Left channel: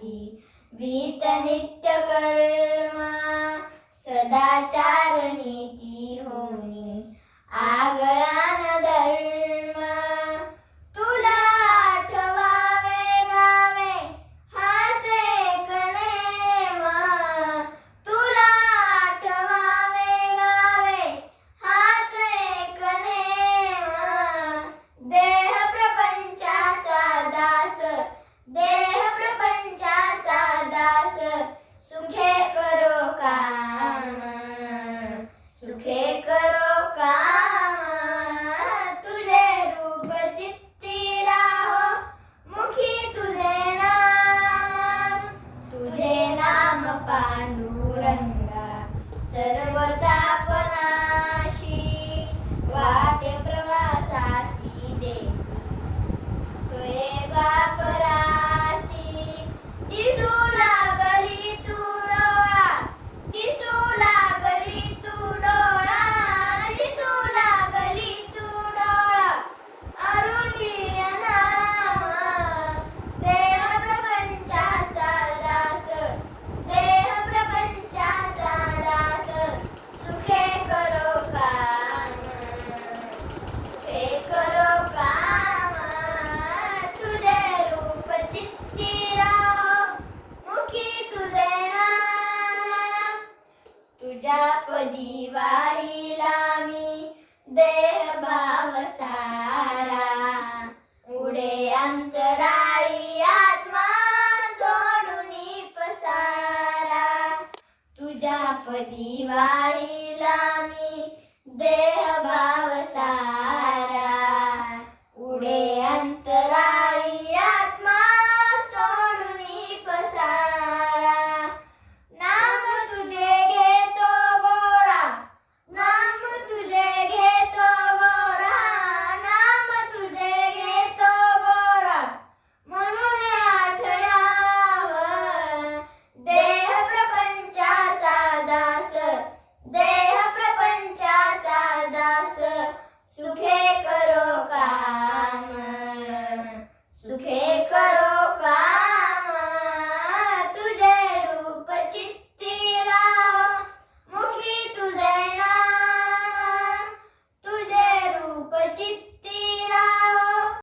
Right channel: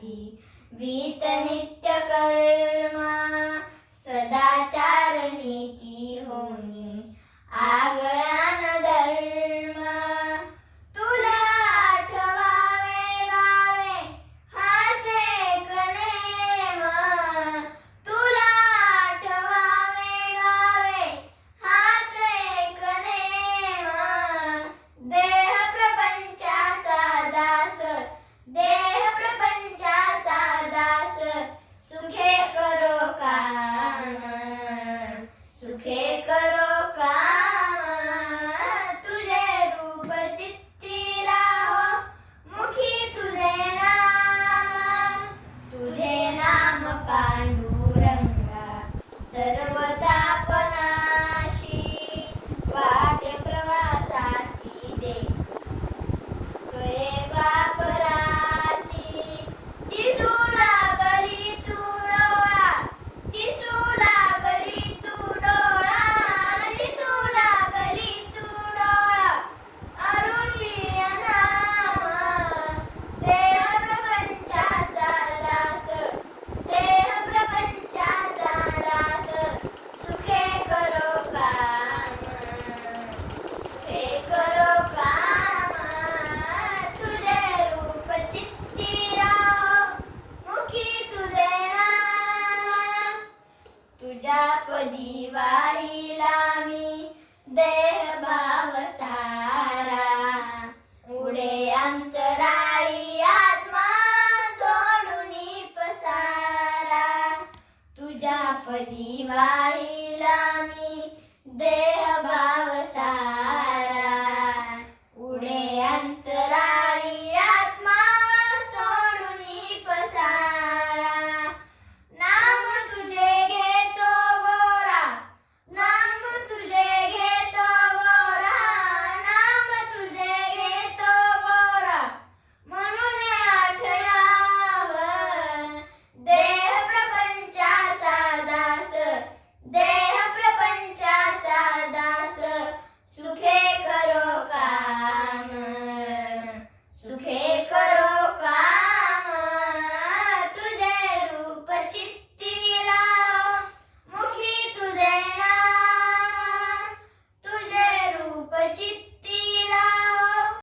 दासी भीत नित्य कर्मा सदाचार नीती. ಸರ್ವತಾ तुझ्यापदी वारीला लामी देह भाव सारा. पुढे अंतराळी आत्मा सोडून पसारा तुझ्या पदी लामी मी देह